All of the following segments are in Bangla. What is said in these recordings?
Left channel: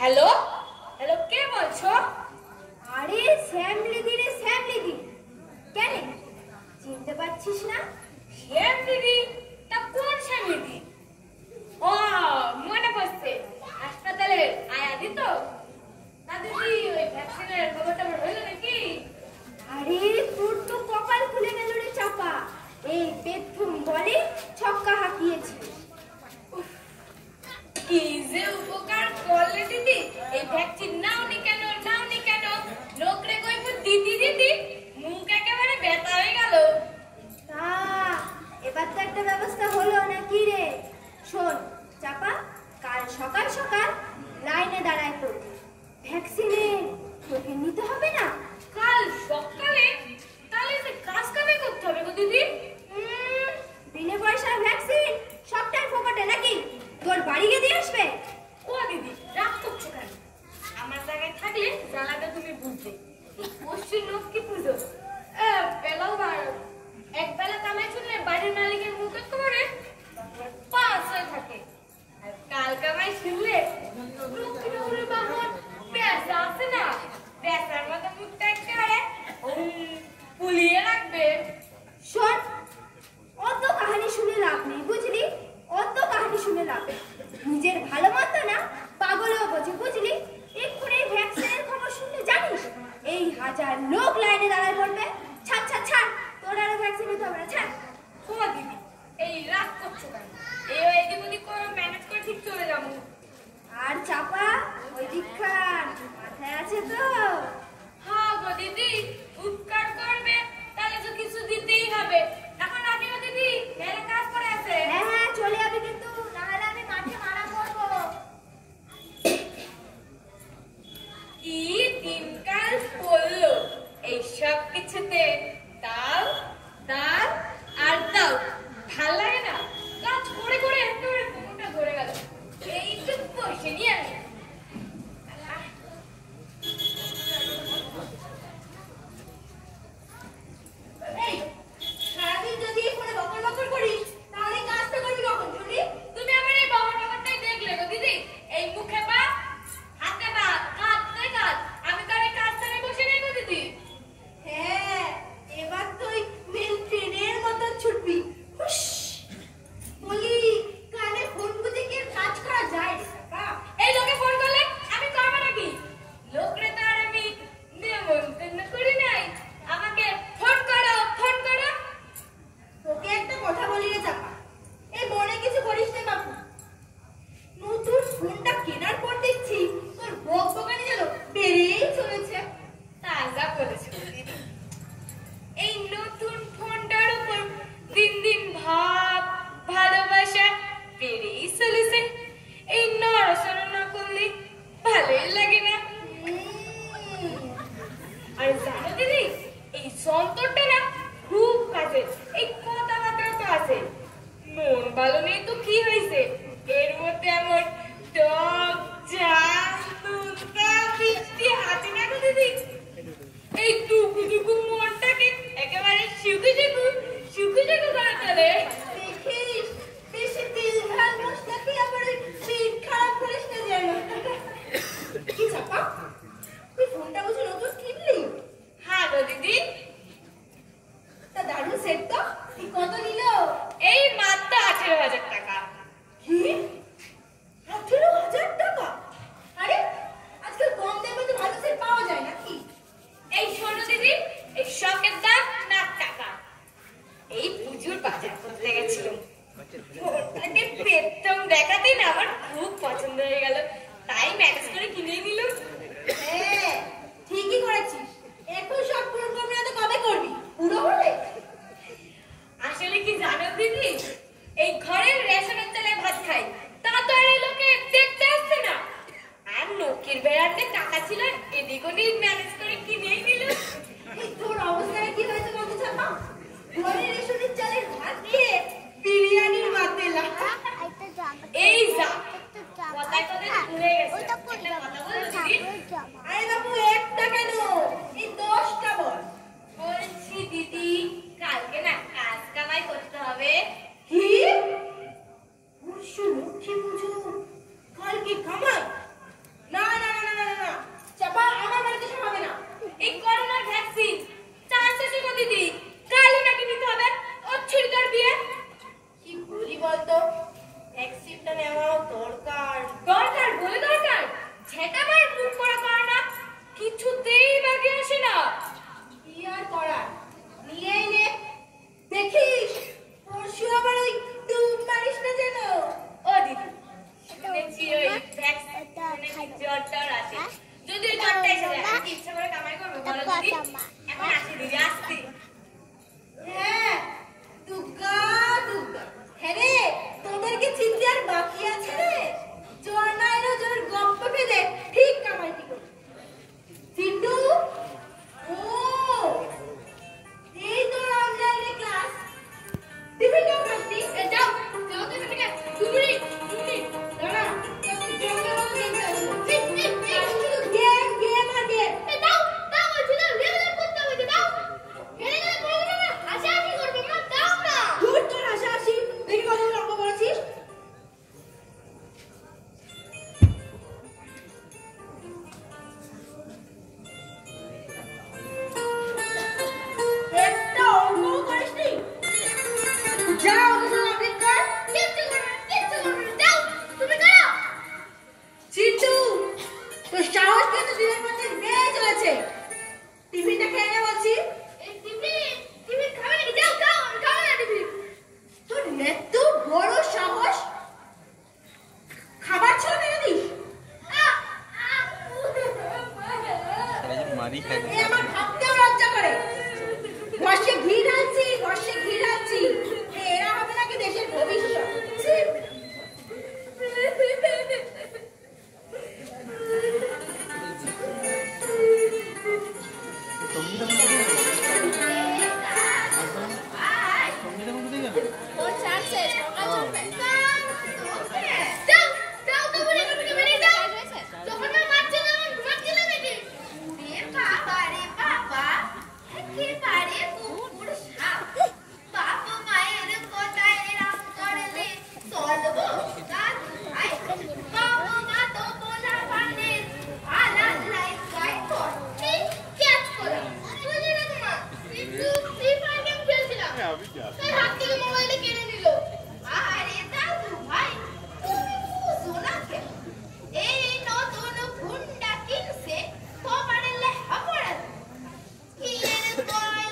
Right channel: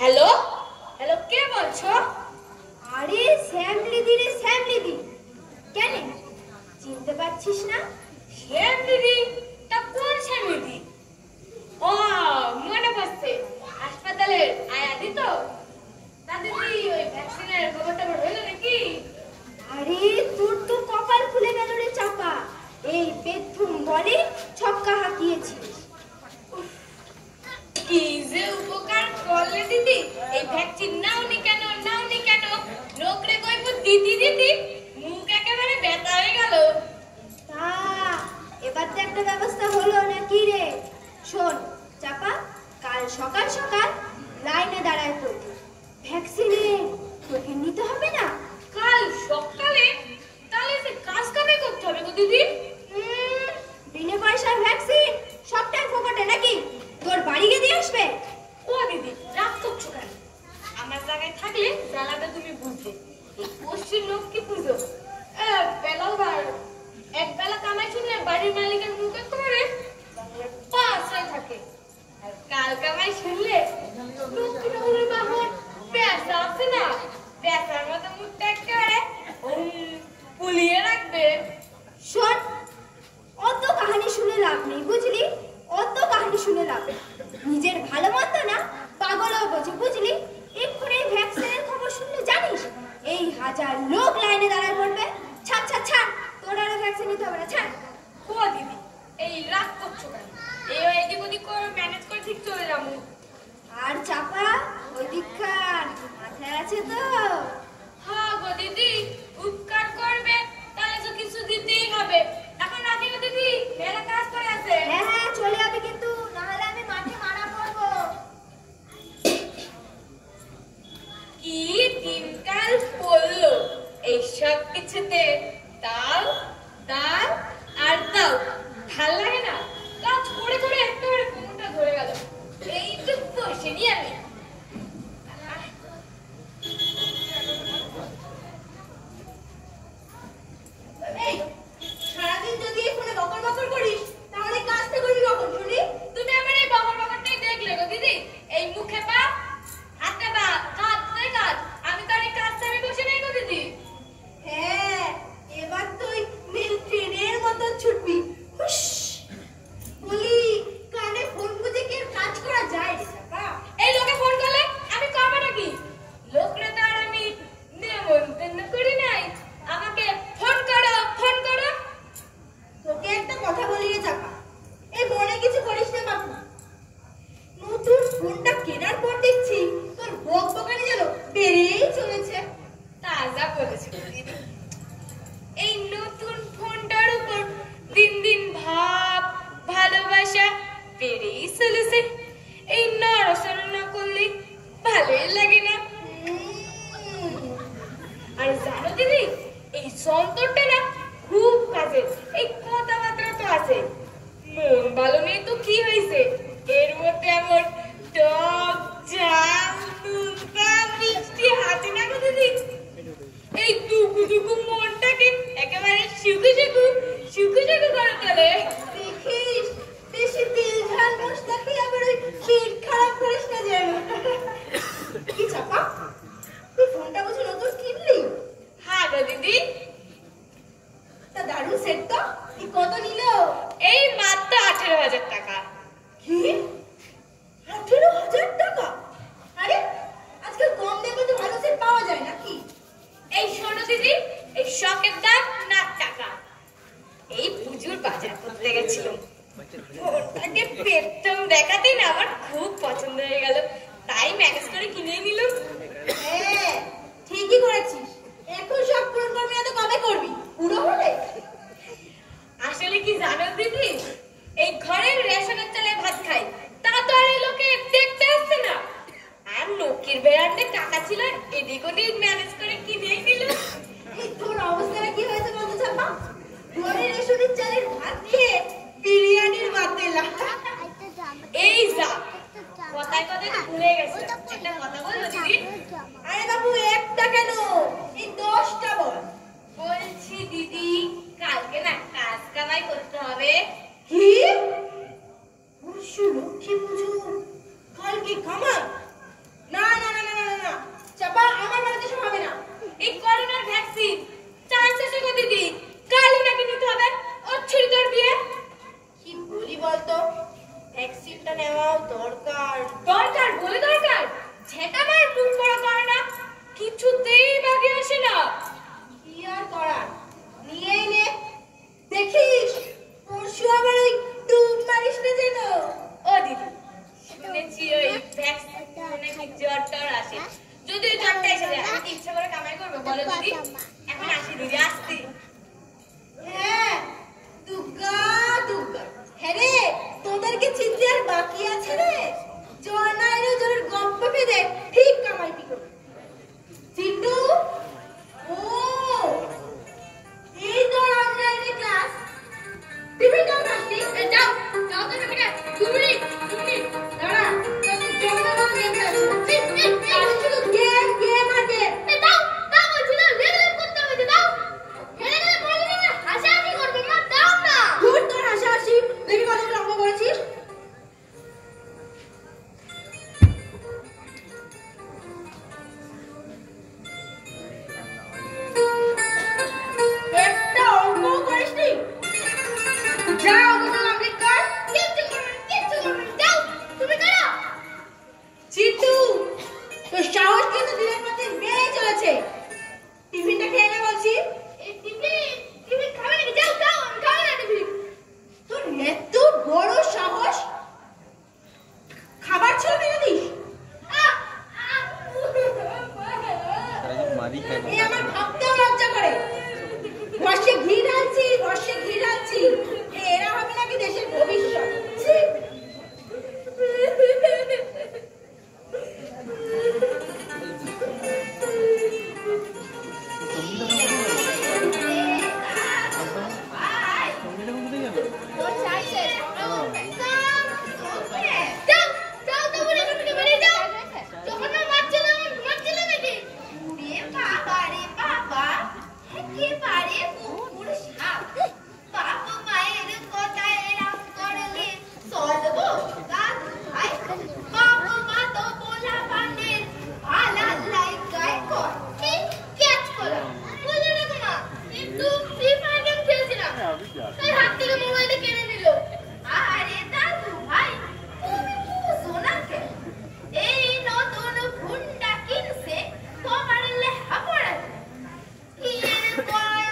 হ্যালো হ্যালো, কে বলছো? আরে শ্যামলিদি রে, শ্যামলিদি। কেন চিনতে পারছিস না? শ্যাম দিদি? তা কোন শ্যামলিদি? ও মনে পড়ছে, হাসপাতালের আয়াদি তো? তা দিদি ওই ভ্যাকসিনের খবরটা হইলো নাকি? আরে তোর তো কপাল খুলে গেল রে চাপা। এই বেথুন বলে ছক্কা হাঁকিয়েছিস। কি যে উপকার করলে দিদি, এই ভ্যাকসিন নাওনি কেন নাওনি কেন? লোকরে কইবো দিদি দিদি, মুখ একেবারে ব্যথা হয়ে গেল। তা এবার তো একটা ব্যবস্থা হলো নাকি রে? শোন চাপা, কাল সকাল সকাল লাইনে দাঁড়ায় পড়বি। ভ্যাকসিনে তোকে নিতে হবে না? কাল সকালে? তাহলে যে কাজ কামে করতে হবে গো দিদি। বিনা পয়সার ভ্যাকসিন সবটাই ফোকটে নাকি? তোর বাড়ি গিয়ে দিয়ে আসবে? ও দিদি রাগ করছো কেন? আমার জায়গায় থাকলে জ্বালাটা তুমি বুঝবে। এই পশ্চিম লক্ষ্মী পুজো বেলাও বারো, এক বেলা কামাই শুনলে বাড়ির মালিকের মুখ করে পাঁচ হয়ে থাকে। আর কাল কামাই শুনলে লক্ষ্মী বাহন পেঁচা আছে না, পেঁচার মতো মুখটা একেবারে পুলিয়ে রাখবে। শোন, অত কাহিনী শুনে লাভ নেই বুঝলি? অত কাহিনী শুনে লাভ নেই। নিজের ভালো মতো না পাগলও বোঝে বুঝলি? এক্ষুনি ভ্যাকসিনের খবর শুনলে জানিস এই হাজার লোক লাইনে দাঁড়ায় পড়বে। ছাড় ছাড় ছাড়, তোর আর ভ্যাকসিন নিতে হবে না, ছাড়। ও দিদি এই রাগ করছো কেন? এদিক ওদিক করে ম্যানেজ করে ঠিক চলে যাবো। আর চাপা ওই দীক্ষার মাথায় আছে তো? হ্যাঁ গো দিদি, উপকার করবে তাহলে তো কিছু দিতেই হবে। এখন রাখি গো দিদি, মেলা কাজ করে আছে। হ্যাঁ হ্যাঁ চলে যাবে, কিন্তু না হলে আমি মাঠে মারা পড়বো। কি দিনকাল পড়লো এই সব কিছুতে। দাও দাও আর দাও, ভাল লাগে না? কাজ করে করে একেবারে কোমরটা ধরে গেল। এইটুকু বসে নি আমি। এই সারাদিন যদি এই ফোনে বকর বকর করিস তাহলে কাজটা করবি কখন শুনি? তুমি আমার এই বাবার বাবাটাই দেখলে গো দিদি। এই মুখে পা, হাতে পা, হাতে কাজ। আমি তো অনেক কাজ ছাড়ে বসে নেই গো দিদি। হ্যাঁ, এবার তুই নীল ট্রেনের মতো ছুটবি। হুশ বলি, কানে ফোন বুঝে কি আর কাজ করা যায় রে বাবা? এই লোকে ফোন করলে আমি করবো নাকি? লোকরে তো আর আমি নেমন্তন্ন করি নাই। আমাকে ফোন করো ফোন করো। তোকে একটা কথা বলি রে চাপা, এই মনে কিছু করিস না বাপু। নতুন ফোনটা কেনার পর দেখছি তোর বক বকানি যেন বেড়েই চলেছে। তাজা বলেছে দিদি। এই নতুন ফোনটার উপর দিন দিন ভাব ভালোবাসা বেড়েই চলেছে। এই নড়াচড়া না করলে ভালোই লাগে না। আর জানো দিদি, এই যন্ত্রটা না খুব কাজের। এই কথাবার্তা তো আছে, মন ভালো নেই তো কি হয়েছে? এর মধ্যে এমন টক ঝাল নুনটা মিষ্টি আছে না গো দিদি। এই টুকু টুকু মনটাকে একেবারে শুকু শুকু শুকু শুকু করে তোলে। দেখিস, বেশি তেল ঝাল মশলা খেয়ে আবার ওই পেট খারাপ করিস না যেন। কি চাপা, তুই ফোনটা বুঝি নতুন কিনলি? হ্যাঁ গো দিদি। তা দারুণ সেট তো। এই কত নিল? এই মাত্র 18,000 টাকা। কি 18,000 টাকা? আরে আজকাল কম দামে তো ভালো সেট পাওয়া যায় নাকি? এই শোনো দিদি, এই শখের দাম না টাকা। এই পুজোর বাজার করতে গেছিলাম, ফোনটাকে পেট্রম দেখাতে না আমার খুব পছন্দ হয়ে গেল, তাই ম্যানেজ করে কিনে নিলাম। হ্যাঁ ঠিকই করেছিস। এখন সব পূরণ করবি না তো কবে করবি? পুরো হলে আসলে কি জানো দিদি, এই ঘরের রেশনের চালে ভাত খাই, তা তো আর এই লোকে দেখতে আসছে না। আর লোকের বেড়াতে টাকা ছিল, এদিক ওদিক ম্যানেজ করে কিনেই নিলাম। তোর অবস্থাটা কি হয়েছে বলতো চাপা? ঘরের রেশনের চালের ভাত খেয়ে বিরিয়ানির মাতেলা। এই যা কথায় কথায় তো ভুলে গেছে, একটা কথা বলবো দিদি? আরে বাবু একটা কেন, এই 10টা বল। বলছি দিদি, কালকে না কাজ কামাই করতে হবে। কি পরশু লক্ষ্মী পুজো, কালকে কামাই? না কিছুতেই ভাগে আসে না। কি আর করার, নিয়েই নে। দেখিস পরশু আবার ওই ডুব মারিস না যেন। ও দিদি, শুনেছি ওই ভ্যাকসিনে নাকি জ্বর টর আসে। যদি ওই জ্বরটা এসে যায়, আমি কি ইচ্ছা করে কামাই করবো বলো দিদি? এখন আসি দিদি, আসছি। হ্যাঁ, দুগ্গা দুগ্গা। হ্যাঁ রে, তোদের কি চিনতে আর বাকি আছে রে? জ্বর না এলেও জ্বরের গপ্প পেয়ে ঠিক কামাইটি করবে। চিন্টু, ও এই তোর অনলাইনে ক্লাস। টিভি দাও না, যাও যাও তো এখান থেকে। তুমি দাঁড়া, তোদের জন্য না গেম শুধু গেম গেম আর গেম। দাও দাও বলছি না, লেভেল করতে হবে, দাও। হেরে গেলে পরে তুমি হাসাহাসি করবো না, দাও না। দূর তোর হাসাহাসি, দেখি কতগুলো অঙ্ক করেছিস। একটা অঙ্ক করিসনি? যা অঙ্কগুলো আপডেট কর। কিচ্ছু করবো না, যাও তুমি করো। চিন্টু, তোর সাহস কিন্তু দিনের পর দিন বেড়ে চলেছে। টিফিনটা খেয়ে নে বলছি। এই টিফিন খাবে নাকি? যাও যাও, আমি খাবো না টিফিন। তোর এত বড় সাহস, খাবার ছিল কেন দিস? এ আমার ভাবতেও লজ্জা করে। বর্ষে ঘি ঢালছি, বর্ষে ঘি ঢালছি। এরা হবে নাকি দেশের ভবিষ্যৎ। ছি। যাও যাও তো বলে তুমি বেরিয়ে যাও। যখন না বাচ্চা যখন ঘুমাচ্ছিল নাকি? এ বাবা রে বাবা, একেবারে কুকুর সাপ। বাপ মায়ের কথা এরম করলে চলবো? দাদু ভাই, বাপ মা তো বলা পানের ভালা লাইকায় কর। ঠিক ক্যাচ করো। বুঝলি না তোমা? একটু ফ্রি ফায়ার গেম খেলছিলাম, তাই হাত থেকে মোবাইলটা কেড়ে নিল। আরে দাদু ভাই, তুমি বুঝো না কেন? এই নতুন গুন্ডা কিনছে তোমার লেহা পড়ায়। কি এর কয়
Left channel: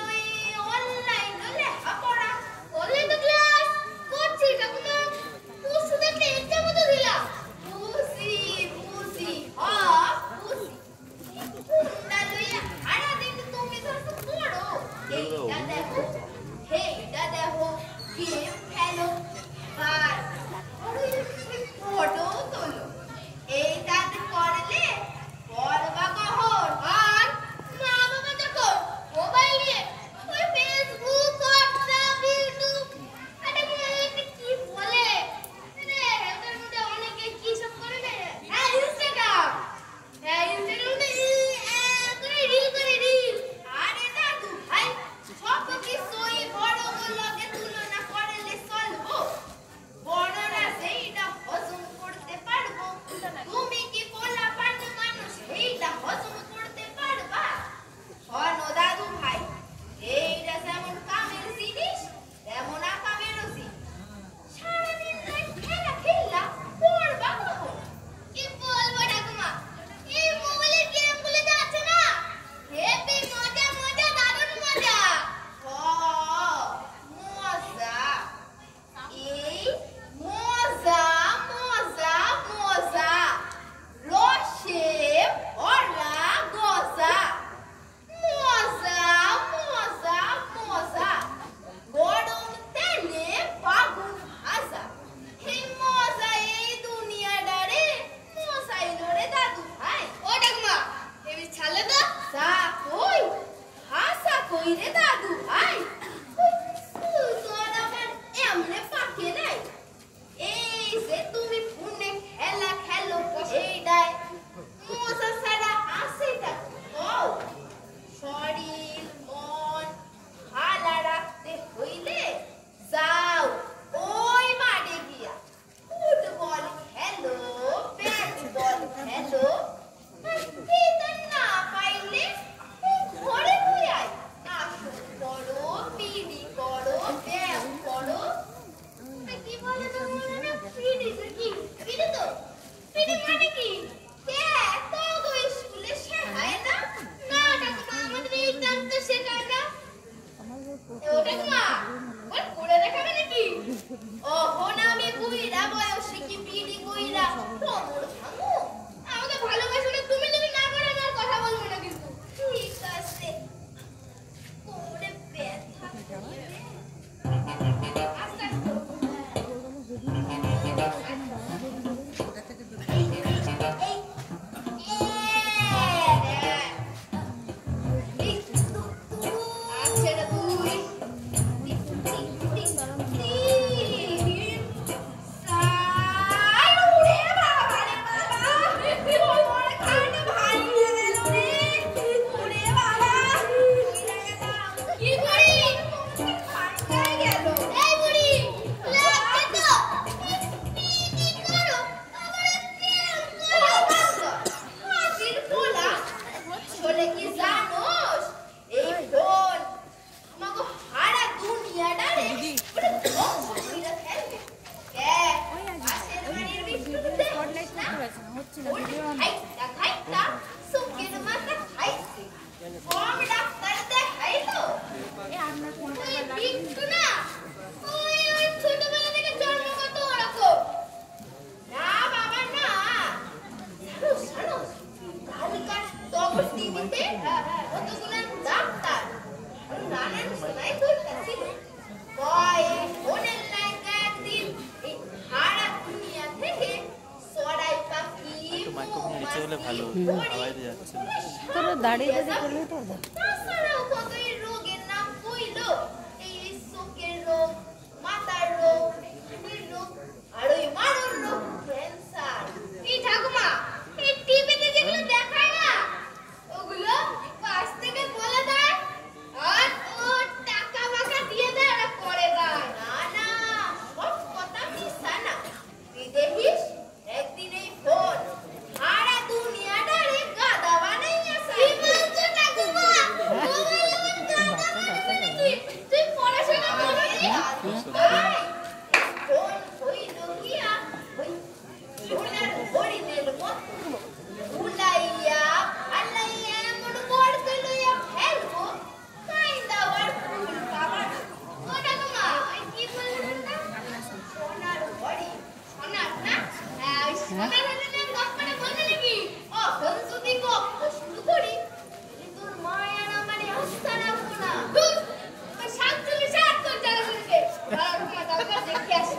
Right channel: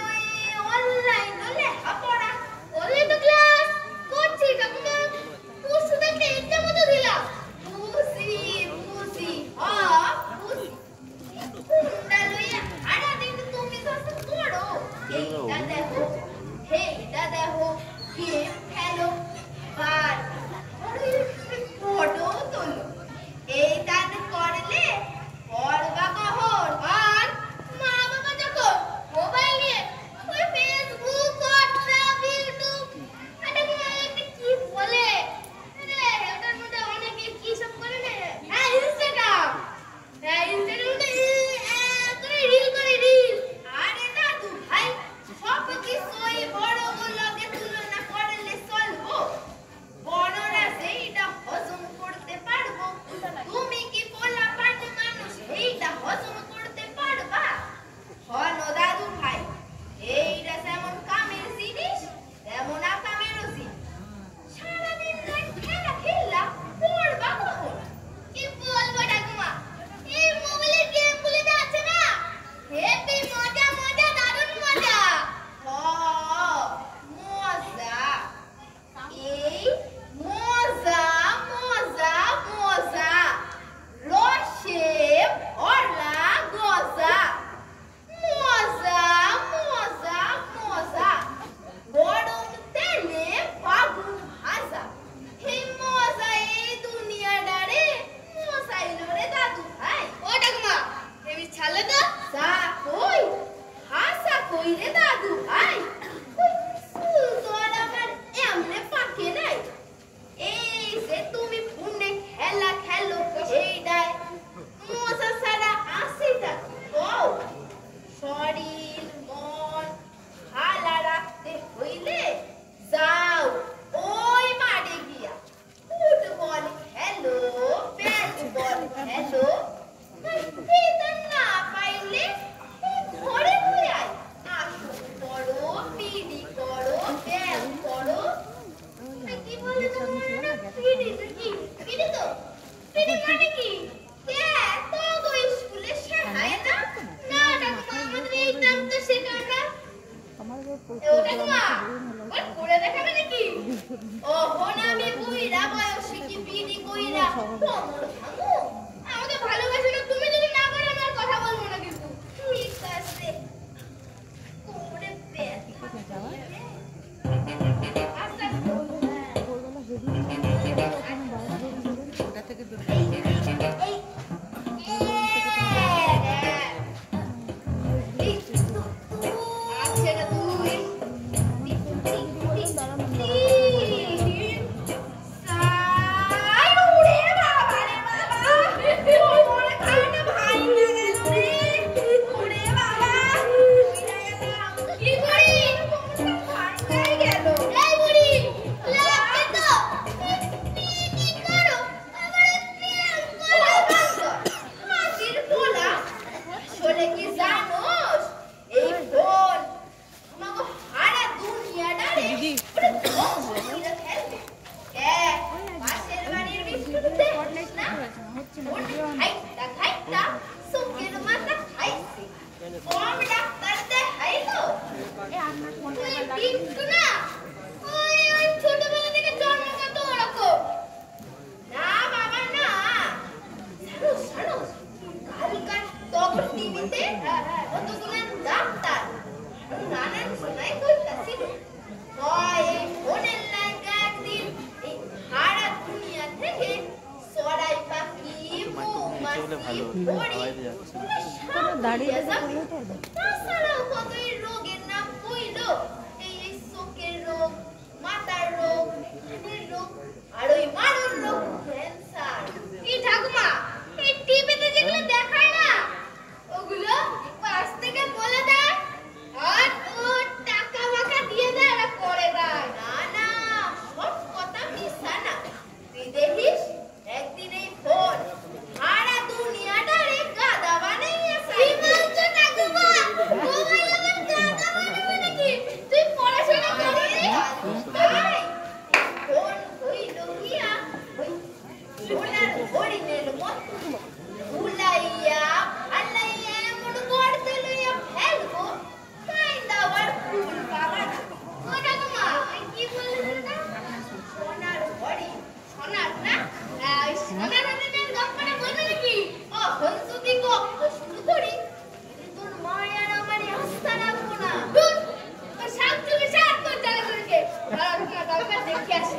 বলতে কতগুলো ডাক্তার নানান সময় কইতাছি কয় ফোনের লাইগা একদিন এই সারা দুনিয়া থেকে সরাই পাখি মৌমাছি হরিণ দাঁড়িয়ে যাবে তাছাড়াও কতই রোগের নাম কইলো এই চোখের রোগ মাথার রোগ হাড়ের রোগ আর ওই মারণ রোগ ক্যান্সার কি ঠাকুমা এই টিভিতে যেগুলো দেখায় না ওগুলো পাশ থেকে বলে দেয় আর ও টাকা মাকা দিয়ে দেয় আর করে দেয় না না সব কথা মিথ্যা না তুই দেখিস একদিন এই ফোন সারা দুনিয়াটারে গাদা বানাইয়েছে কি বলছো ঠাকুমা মোবাইল আমার গাদা বানাবে নাকি তুই পড়াশোনা করবি তাই ফোন হইল গিয়া ওই সোনার হরিণের মতো ভুলাইয়া আল্লাইয়া এমন করতে লইয়া ফেলবো তাই দাওয়ার ফুল বাবার ও ঠাকুমা কি বললেন না সোনার হরিণ সোনার না এই সোনার হরিণের গল্পটা বলবে নাকি ও বন্ধুদি গল্প শুরু করি তোর মায়ের আমারে আস্থা রাখবো না ধুর তোর শান্তি সাত করে জানা করেছে ভালো ঠাকুমা দরকার দেখে আসি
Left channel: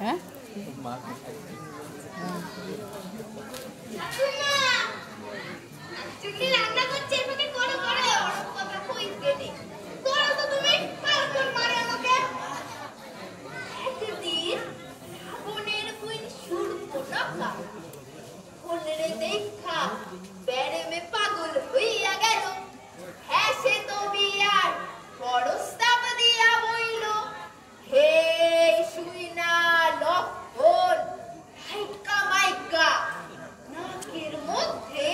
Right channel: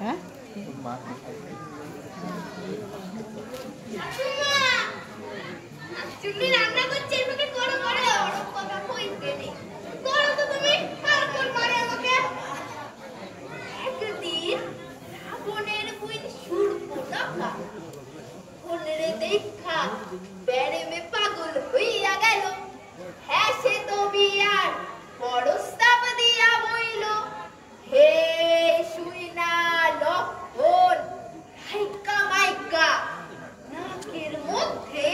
হ্যাঁ তুমি রান্না করছো আমাকে করো করো কথা কইতে নি করো তো তুমি আর কোন মারে আমাকে একদিন বোনের বুইন সুরপুনকা ফোনের দেখা বেড়েমে পাগল হইয়া গেল হ্যাঁ সে তো বিয়ার পরস্তাব দিয়া বইল হে শুইনা লক্ষণ হাইকা মাইকা নাকের মধ্যে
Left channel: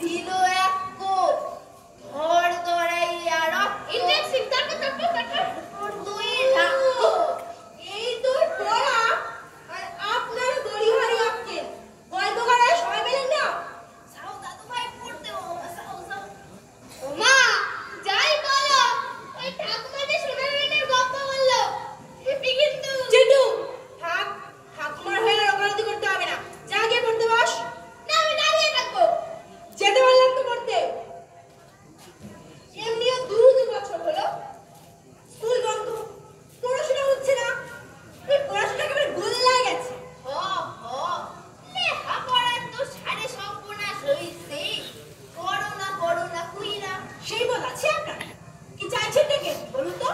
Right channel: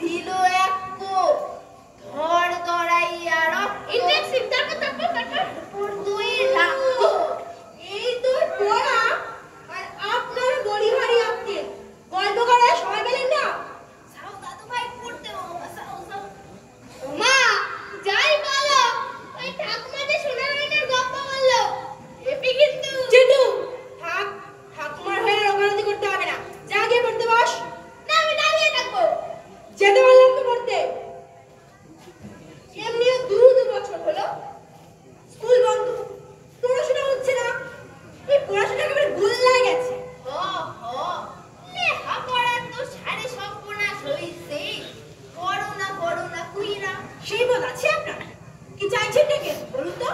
দিল এক কোপ ধর গড়াইয়া রক্ত ইলেকশন তারপর দুই লাখ এই তো পড়া আর আপনার গড়ি হারি আপনি গল্প করার সময় পেলেন না সাউ দাদু ভাই পড়তে সাউ মা যাই বলো ওই ঠাকুমা যে সোনার মেয়ের গল্প বললো এপি কিন্তু চিটু থাক ঠাকুমার হয়ে রঙারতি করতে হবে না যা গিয়ে পড়তে বস না আমি দাঁড়িয়ে থাকবো যেতে বললাম তো পড়তে এমনিও দু বছর হলো স্কুল বন্ধ পড়াশোনা হচ্ছে না এই পড়াশোনা একেবারে গোল্লায় গেছে লেখা পড়ার তো সাড়ে সম্পূর্ণ হইছে করোনা কুইরা সেই বল আছে আপনার কি চাইছেন নাকি বলুন তো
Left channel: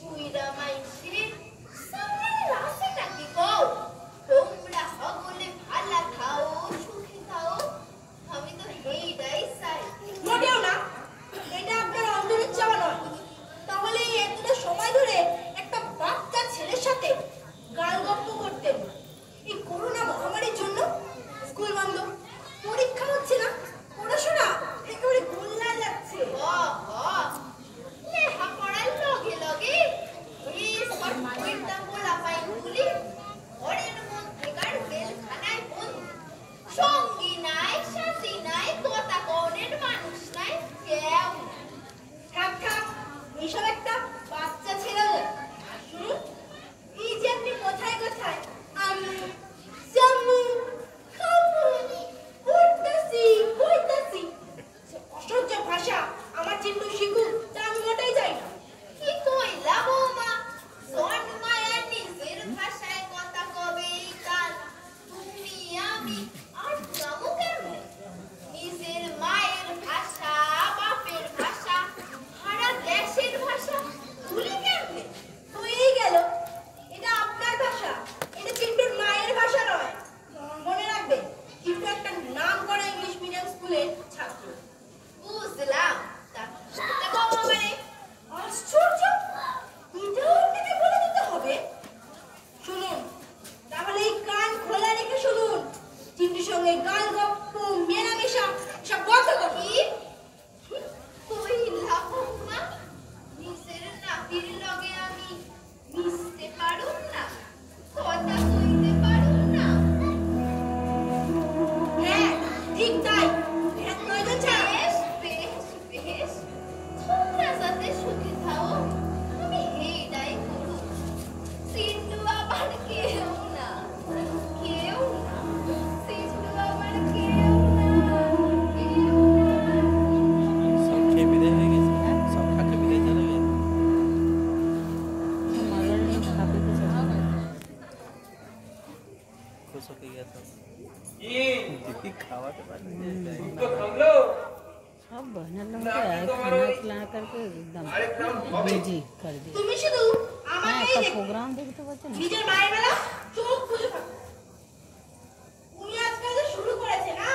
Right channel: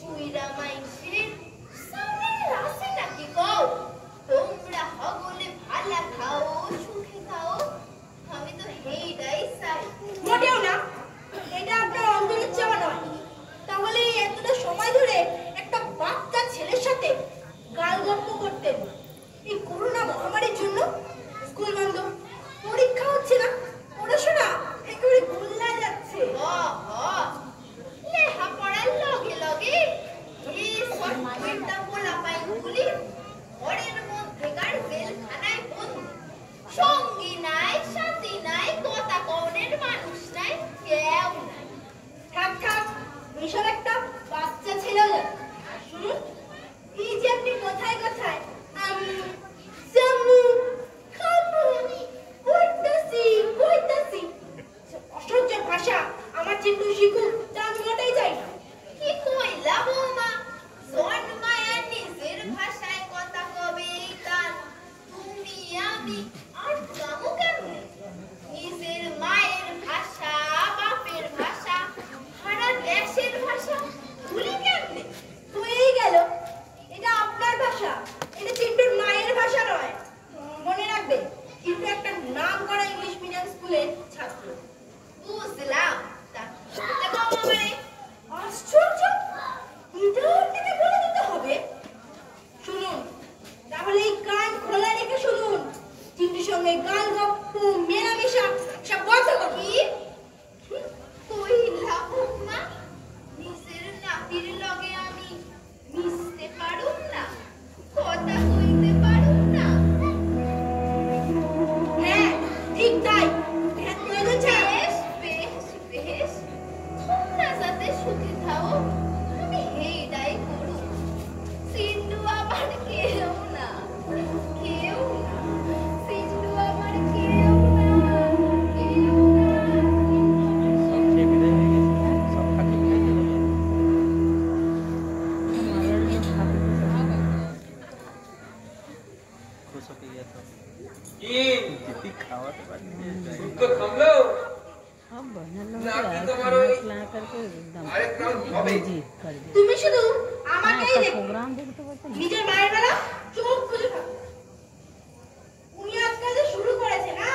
কুইরা মাইছে সামনে রাসে নাকি কও তোমরা সকলে ভালো খাও সুখে খাও আমি তো হেইটাই চাই মোটেও না এটা আপনার অন্তরের চাওয়া নয় তাহলে এতটা সময় ধরে একটা বাচ্চা ছেলের সাথে গালগপ্প করতেন এই করোনা মহামারীর জন্য স্কুল বন্ধ পরীক্ষা হচ্ছে না পড়াশোনা একেবারে গোল্লায় যাচ্ছে লেখা পড়ার লগে লগে এই সটটা বলা পাইগুলি ঘরের মধ্যেকার জেলখানায় বন্ধ সঙ্গী নাই সাথী নাই কথা কনের মানুষ নাই কেউ থাক এইসব একটা বাচ্চা ছেলে শুনুন এই যে আপনি কোথায় কোথায় আমি জামু খামুনি বলতাছি অসহ্য ভাষা আমার চিন্টু শিখুক তা আমি মোটেই যাই না কি কইলা বৌমা জন্মায়া নিজের ভাষায় কথা কবে তার তুমি আমি আর জামু কেমন নিজের মায়ের ভাষা বাপের ভাষা সারা দেশের ভাষা ভুলে কেমনে হয়েই গেল এটা আপনার ভাষা এটা চিন্টুর মায়ের ভাষা নয় মনে রাখবে কিন্তু একটা নাম করা ইংলিশ মিডিয়াম স্কুলের ছাত্র বুঝলাম তা শুনতে বাবা মানে আশ্চর্য এটাও আপনাকে বলে দিতে হবে শুনুন তাহলে এই কান খোলা রেখে শুনুন চিন্টুর সঙ্গে গাল গপ্প মেলামেশা সব বন্ধ করি কইলা বৌমা নিজের নাতির লগে আমি মিশতে পারুম না কথা কইতে পারুম না হ্যাঁ ঠিক তাই প্রয়োজন ছাড়া বেশ তোমরা যাতে সুখী থাও আমি হেইটাই করু চিন্টু আবার কেউ না কি তো থামলো নাকি তোমার ওই আরেক রাউন্ড হবে? তুমি শুধু আমাকেই দেখো, নিজের মায়ের বেলা চোখ খুলে থাকো। উনি আজকাল যে শুরু করেছে না,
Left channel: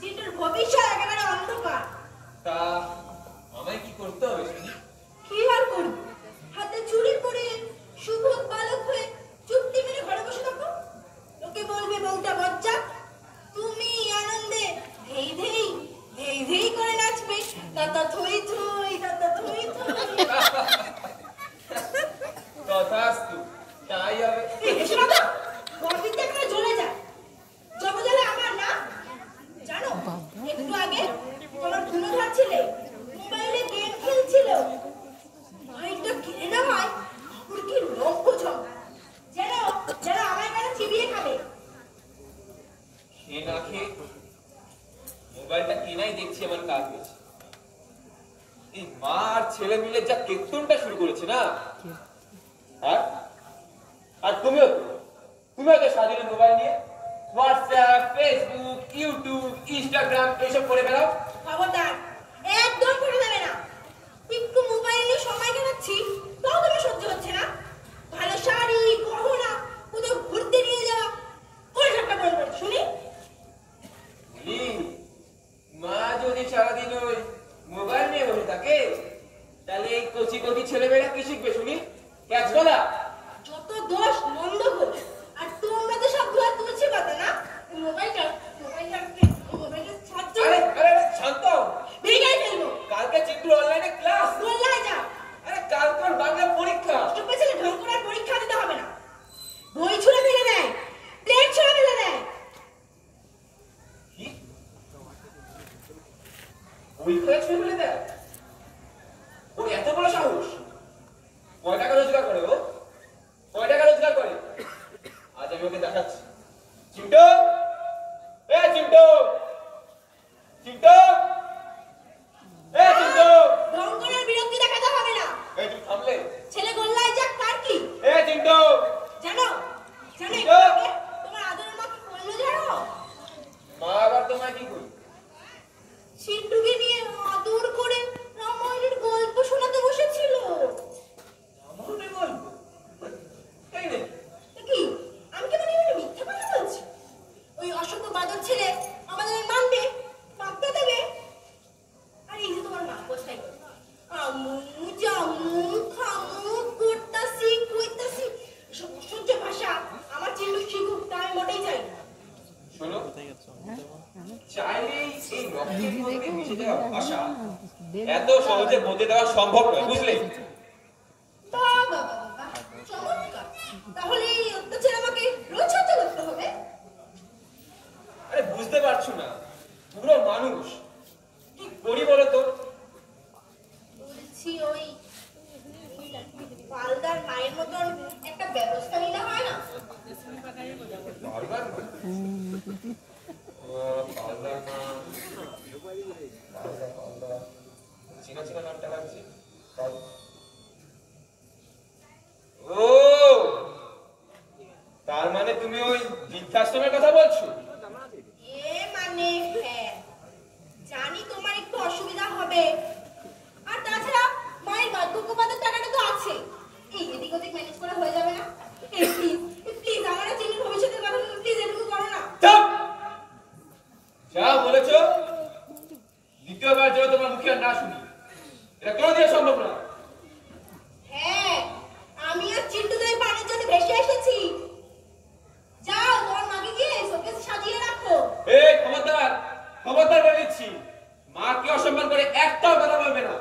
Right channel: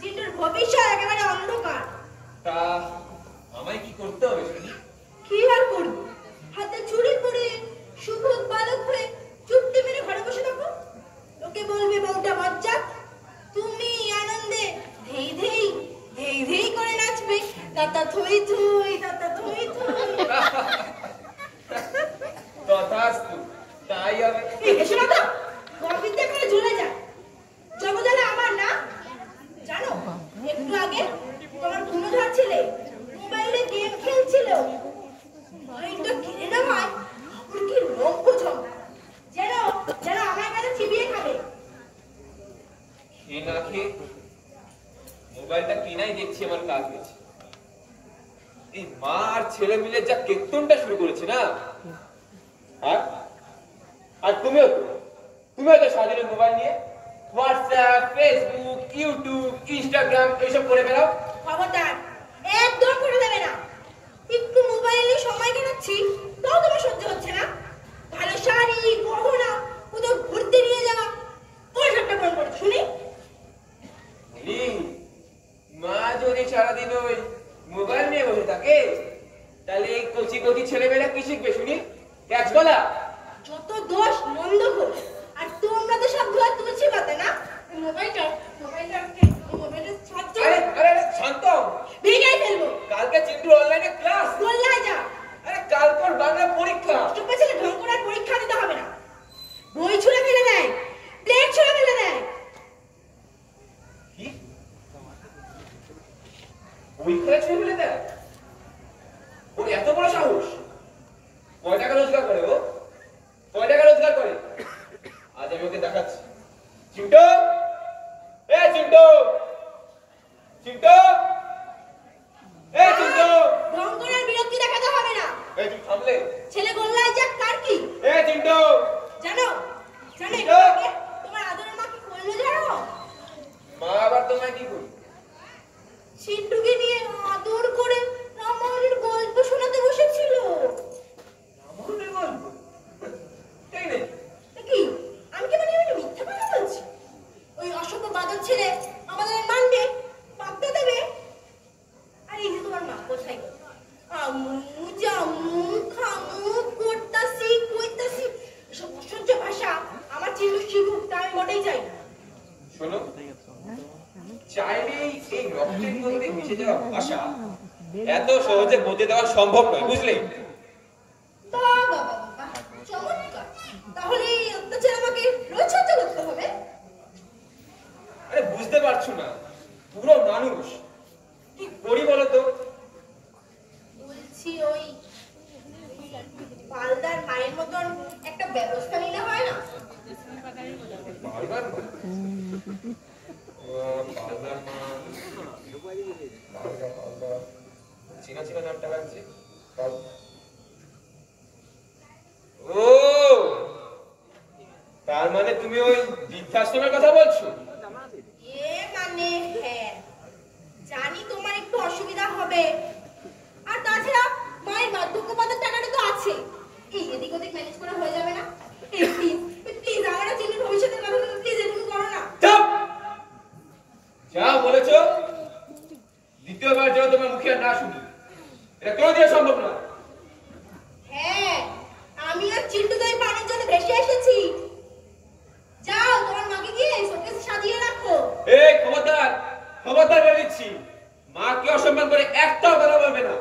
জিন্টুর ভবিষ্যৎ একেবারে অন্ধকার। তা আমায় কি করতে হবে শুনি? কি আর করবো, হাতে চুড়ি পরে শুভক বালক হয়ে চুপটি মেরে ঘরে বসে থাকো। লোকে বলবে বউটা বজ্জাত, তুমি আনন্দে ধেই ধেই ধেই ধেই করে নাচবে, তাতা থই থই তাতা থই থই। তথাস্তু, তাই হবে। এসো না তো, গর্বিতে করে জ্বলে যায়। জমজালা আমার না জানো, একটু আগে তোমার ধুনো ধাচ্ছিলে, মোবাইলে গেম খেলছিল, মোবাইলটা কিনে নেওয়ায় ওর কি লম্ব জমা, যেন যেন আমার কাছে চিবিয়ে খাবে। খেয়ে না খেয়ে মোবাইলটা কেনাই দেখছি আমার কাজ গেছে। এই মা আর ছেলে মিলে যা কেতনটা শুরু করেছে না, আর আর তুমিও তো সারাদিন মোবাইল নিয়ে হোয়াটসঅ্যাপ, ফেসবুক, ইউটিউব, ইনস্টাগ্রাম এসব করে বেড়াও। খবরদার, একদম করে দেবে না। একটু মোবাইল নিয়ে সময় কাটাচ্ছি, তাও তোমার সহ্য হচ্ছে না। ভালো শাড়ি গহনা কোথাও ঘুরতে নিয়ে যাওয়া, কোন সবটা বড় করে শুনি। বলি, মা যদি সারাদিন ওই মোবাইল নিয়ে বসে থাকে, তাহলে এই কচি কচি ছেলেমেয়েরা কি শিখবে শুনি? ক্যাচ বলা। যত দোষ মন্দ ঘোষ, আর তোমরা তো সব ধোয়া তুলছি পাতে না। মোবাইলটা ছাত্র আরে আরে আরে, শান্ত হও। ভেঙেই ফেলবো। কালকে চিত্র অনলাইনে ক্লাস। গোল্লায় যা। আরে কালকের বাংলা পরীক্ষা। চুপ ছেলে ঢং করে আর পরীক্ষা দিতে হবে না। বই ছুঁড়ে ফেলে দেয়, প্লেট ছুঁড়ে ফেলে দেয়। কি? ওই খেলা ছুঁয়ে ফেলে দেয়? ওর এত বড় সাহস? কয় টাকা রোজগার করে ও? কয় টাকা রোজগার করে? আজ আমি ওকে দেখাচ্ছি। চিন্টু, এ চিন্টু, চিন্টু, এ চিন্টু। ঢং করে আর বিরক্তি দেখাতে হবে না। এই তুই থামলে? ছেলে গোল্লায় যাক তার কি? এ চিন্টু। জানো জানো চিন্টু। একটু আগে তোমার আদরের মা কি করলো জানো? মা আবার তোমায় কি করবে? চিন্টুকে নিয়ে আদর করে রামায়ণের গল্প শোনাতে বসেছিল। আমাদের গল্প? তাই না? কি আমি কি মানে মিথ্যা কথা বলছি? ওই অসভ্য বাদর ছেলে আমাদের মানবে, পাত্তা দেবে। আর এই যে তোমার মা কোথায় গেল? আমু জামু খামু করতাসি কইতাসি, এসব অসহ্য ভাষা আমার চিন্টু শিখুক, তা আমি মোটেই চাই না। শোনো, চাইলেই এই রক্তের মধ্যে মিশে যাওয়া ভাষা এত সহজে বলতে দেওয়া সম্ভব নয়, বুঝলে? বাবা বাবা চমৎকার, তাহলে এই অত্যাচার আমাকে রোজ সহ্য করতে হবে? আরে বুঝতে পারছো না, পুরো মানুষ কি করি বলো তো? বলছি ওই পালদার মায়ের মতন একটা ব্যবস্থা নিলে হয় না? বারবার চেনা চেনা নামটা লাগছে। ও, তার মানে তুমি ওই বৃদ্ধাশ্রমের কথা বলছো? এ মানে হ্যাঁ, জানি তোমার একটু অসুবিধা হবে, আর তাছাড়া মায়ের বার্ধক্য ভাতার টাকাটা তো আছে, এই এদিক ওদিক ম্যানেজ করা হয়ে যাবে না? প্লিজ প্লিজ আমার চিন্টুর ভবিষ্যতের কথা তুমি প্লিজ এটুকু করো না। চুপ! যা বলেছো দ্বিতীয়বার যেন তোমার মুখে আর না শুনি, এটা কোনোদিন সম্ভব নয়। হ্যাঁ, আমি আর চিন্টু তো এই পানির জন্য ভেসে এসেছি। যাও তোমার মাকে গিয়ে শোকেসে সাজিয়ে রাখো। এই খবরদার, খবরদার বলে দিচ্ছি, মাকে অসম্মান করে একটাও কথা বলবে না।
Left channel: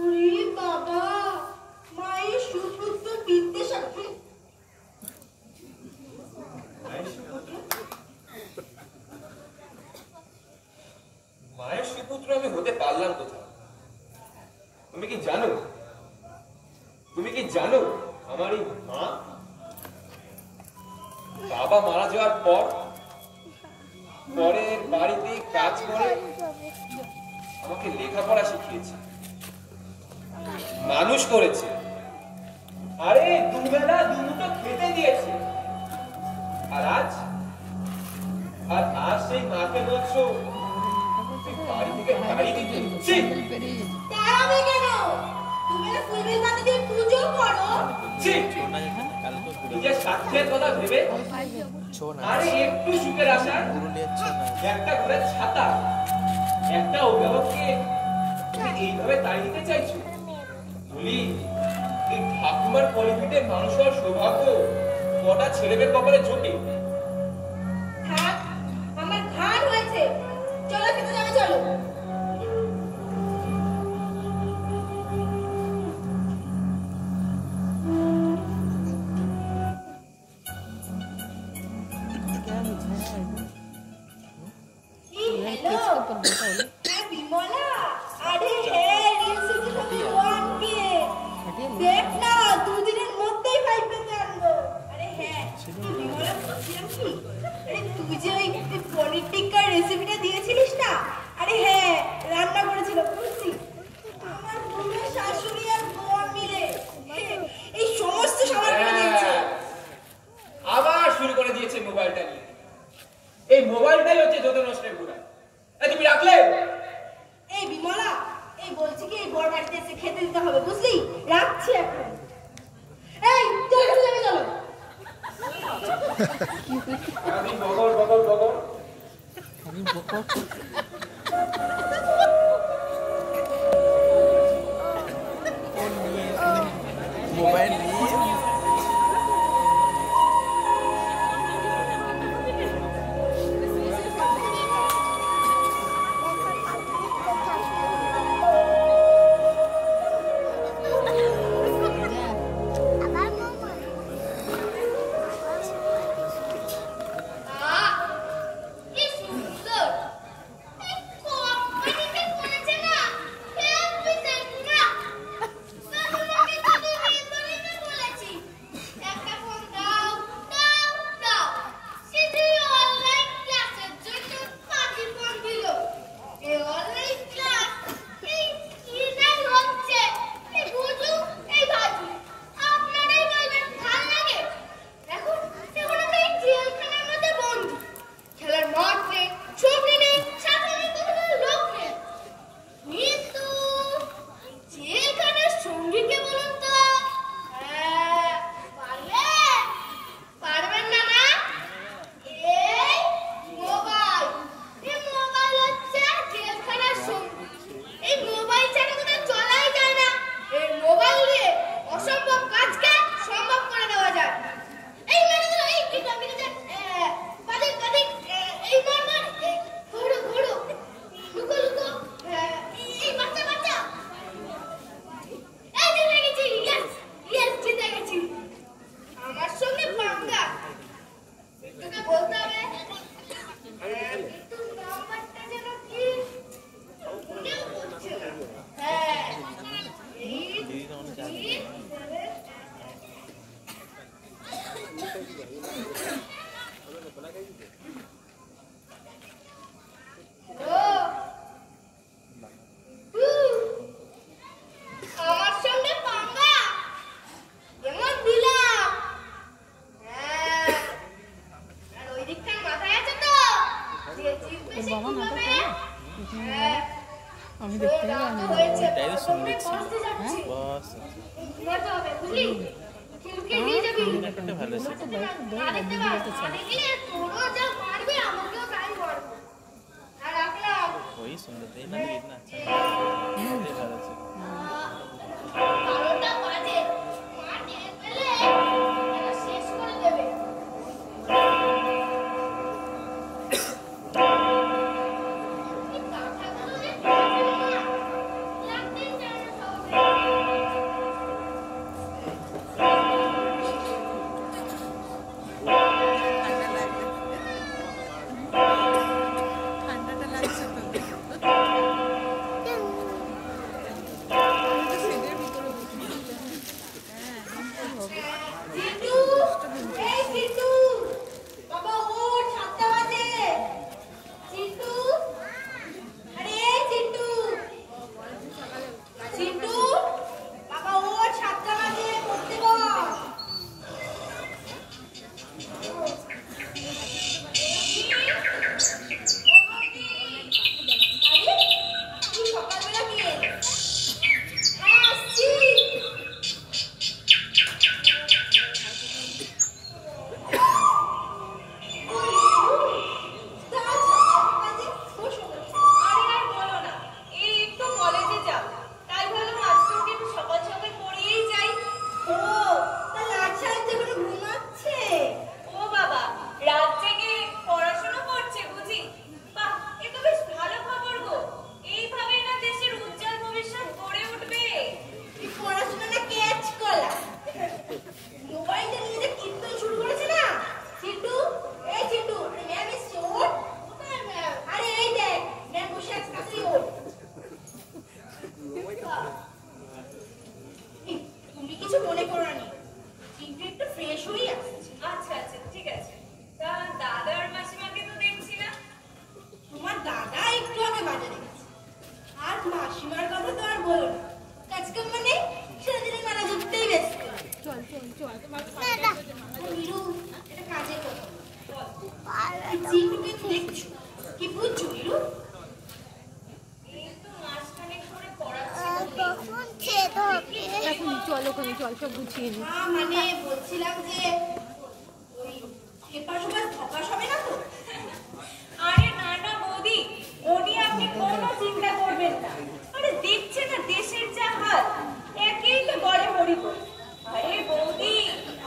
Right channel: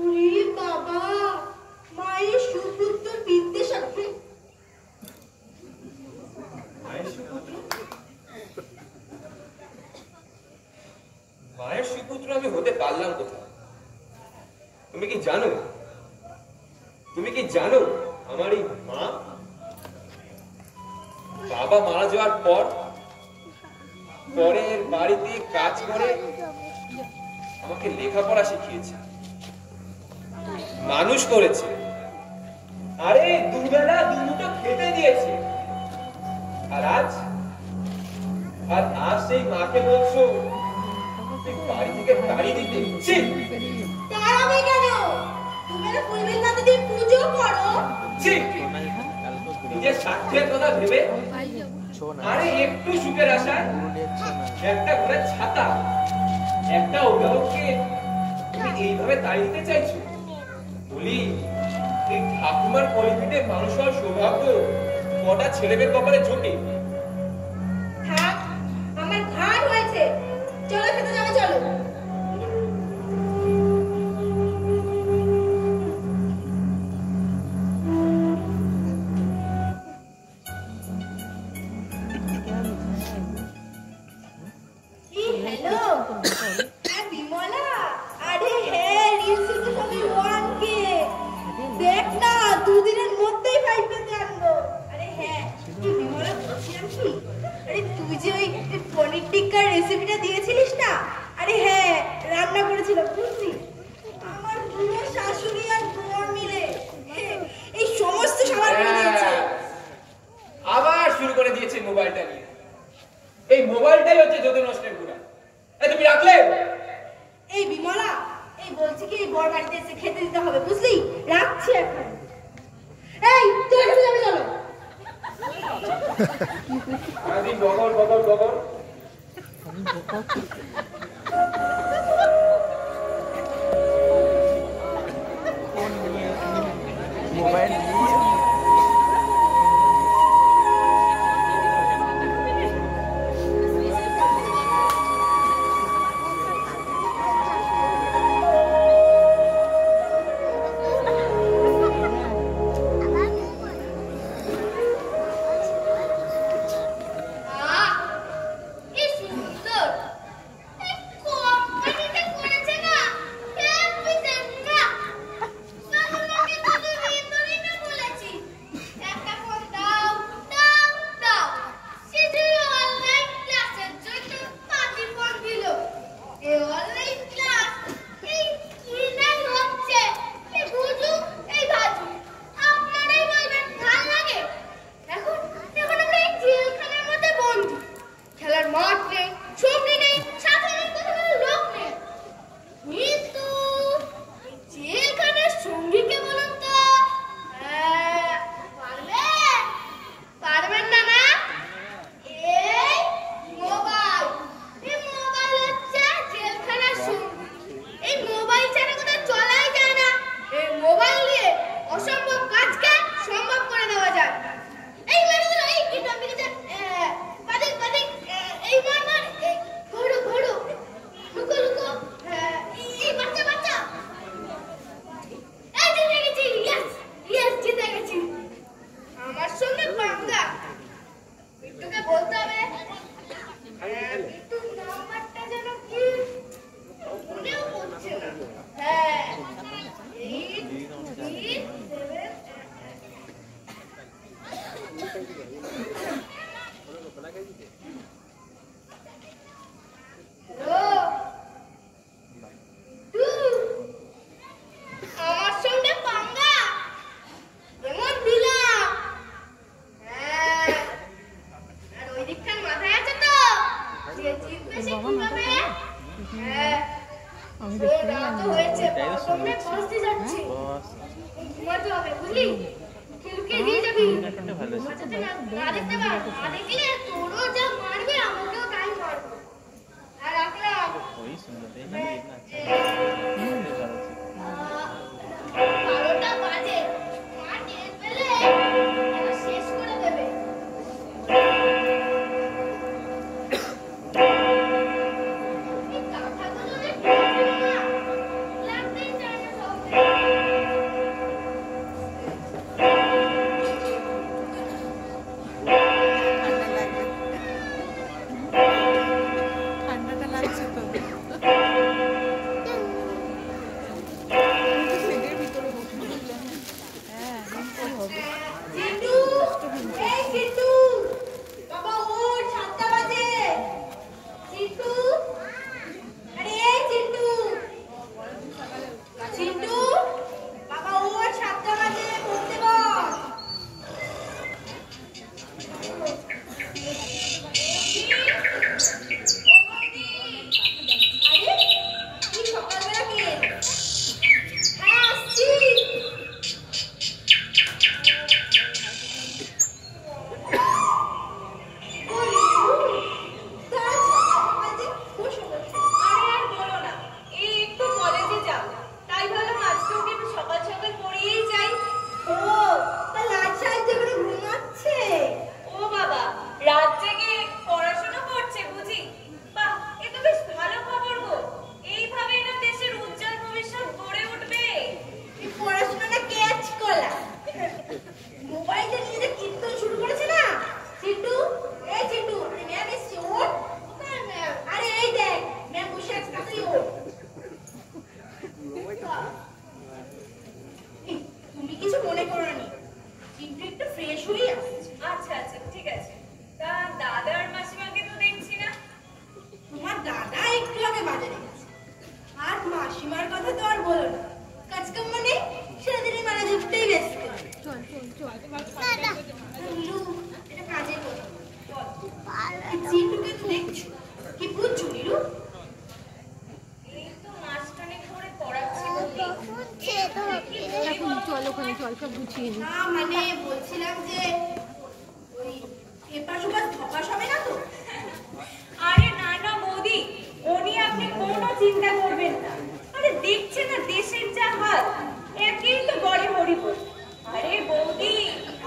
ওরে বাবা, মায়ের সুপুত্র বিদ্যে সাথে মায়ের সুপুত্র আমি হতে পারলাম কোথায়? তুমি কি জানো, তুমি কি জানো আমার এই মা বাবা মারা যাওয়ার পর পরের বাড়িতে কাজ করে আমাকে লেখাপড়া শিখিয়েছে, মানুষ করেছে, আরে দুবেলা দুমুঠো খেতে দিয়েছে। আর আজ আর আজ সেই মাকে বলছো তুই বাড়ি থেকে তাড়িয়ে দিতে। ছি! তাড়াবে কেন? তুমি তো ফুলবেল মাতা দিয়ে পুজো করো। ছি! নিজের স্বার্থের কথা ভেবে আরে একটু সুখের আশায় একটা ঘরের ছাতা একটা অভিভাবককে তুমি এইভাবে তাড়িয়ে দিতে চাইছো? বলি এই ঠাকুমার পরিপিঠে মানুষ হওয়ার সৌভাগ্য কটা ছেলেদের কপালে জোটে? থাক, আমার ঘাড় হয়েছে। চলো খেতে যাবে, চলো। হ্যালো, হ্যাঁ বিমলা। আরে হ্যাঁ, রিলসে তো সবাই 1K। দেখ না, দুদিনের মধ্যেই 5K তে আনবো। আরে হ্যাঁ, তুই বিমলা বলছিলাম কি? আরে তুই যে ওই পনির টিক্কার রেসিপিটা দিয়েছিলিস না? আরে হ্যাঁ, রান্না করেছিল বুঝলি? আমার পুরো শাশুড়ি আর বর মিলে এই সমস্ত সামান করে দিয়েছে। আবার শুরু করে দিয়েছে মোবাইলটা নিয়ে। এই মোবাইলটাই হচ্ছে যত নষ্টের গুণা। এই তুমি রাখলে? এই বিমলা, এই বলছি কি এই বর বাড়িতে এসে খেতে দিতে হবে বুঝলি? রাখছি এখন। এই তুই খেতে যাবে, চলো। সারাদিন বগর বগর বগর। মোবাইল নিয়ে কি সুন্দর! এই কোম্পানিতে করেছে না, হেব্বি দেখনা। তোমাকে তো দুদিন ধরেই না বলেছি, একটা ফোন দাও দাও দাও। শুধু অনলাইন ক্লাসের জন্য 5 ফোন দিল। এই অনলাইন ক্লাস এই কি নাই হচ্ছে, এই বুঝু এই ভাজু। আপনারাই বলবেন ভাল লাগে? এখন আমরা এই জেলখানার মধ্যে বন্দী। খেলার মাঠ নেই, সঙ্গী নেই, সাথে নেই, কোনো লোক নেই। কিন্তু এই জেলখানার সঙ্গীকে বলুন তো? পারবেন? পারবেন না না? এই মোবাইল, এই মোবাইল হচ্ছে জেলখানার সঙ্গী। এই মোবাইল ছাড়া কোথাও চলাই যায় না। এই মোবাইল দিয়ে অসম্ভব কাজকে সম্ভব করে দেওয়া যায়। এই মেরে দিল, এই কি টপিকে যা পাদিক পাদিক, এই মার মার, ঘোড়ো ঘোড়ো, লুকো লুকো, এই বাচ্চা বাচ্চা, এই জিতে গেছি, ইয়েস ইয়েস জিতে গেছি। আমার সঙ্গে পাঙ্গা, তোকে বলতে হবে কিন্তু নাম্বারটা যেন কি মনেও পড়ছে না। হ্যাঁ, 8 3 7 আমার সঙ্গে পাঙ্গা এমন দিলাম। হ্যাঁ, আর ওই দিকটার মাথায় আছে তো যে জিতবে সে ঘুমাবে। হ্যাঁ, ওই রাত হয়েছে, প্রথমে বসতে যাচ্ছি, ঘুমাতে হবে বুঝলি? লুকিয়ে দিয়ে যাবি, যাতে না দেখতে পাস। না দেখলে তোরও যা মারবে আমাকেও তাই মারবে। আর রাখলাম ওই সুন্দর দেই না না 12টা বাজে, মা টের পেলে এরা শেষ করে দেবে। এই কাঁথাগুলো যে খুলছিল না, লাগতেই চায় না সহজে। ঠান্ডাটা লাগছে তো না মানে বলছিলাম যে ওই এপাশ ওপাশ ধপাস হবে না তো? আরে না না বৌদি, ও নিয়ে আপনি কোনো চিন্তা করবেন না। আরে দেখছে না দেশের যা হাল, একেই তো গড়ে হরিবল। আরে বৌদি,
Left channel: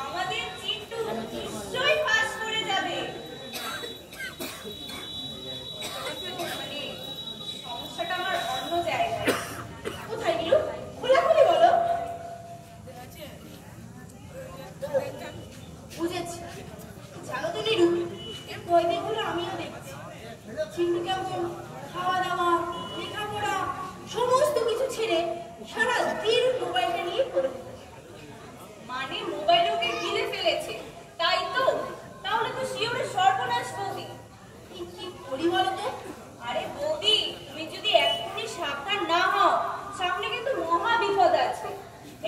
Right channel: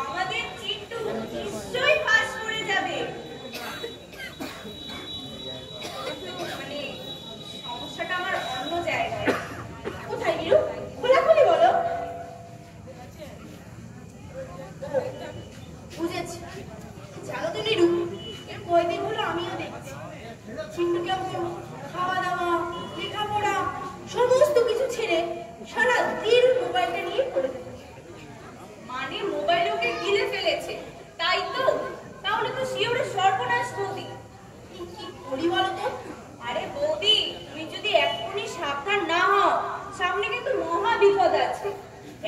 আমাদের চিন্টু নিশ্চয়ই পাস করে যাবে। মানে সমস্যাটা আমার অন্য জায়গায়। কোথায় নিরু? খোলাখুলি বলো। বুঝেছি। জানো তো নিরু, এর কয়দিন হলো আমিও দেখছি চিন্টু কেমন খাওয়া দাওয়া লেখাপড়া সমস্ত কিছু ছেড়ে সারাদিন মোবাইলটা নিয়ে পড়ে থাকে। মানে মোবাইল ওকে গিলে ফেলেছে, তাই তো? তাহলে তো শিওরে সর্বনাশ বৌদি। কি করি বলো তো? আরে বৌদি, তুমি যদি এখনই সাবধান না হও, সামনে কিন্তু মহা বিপদ আছে।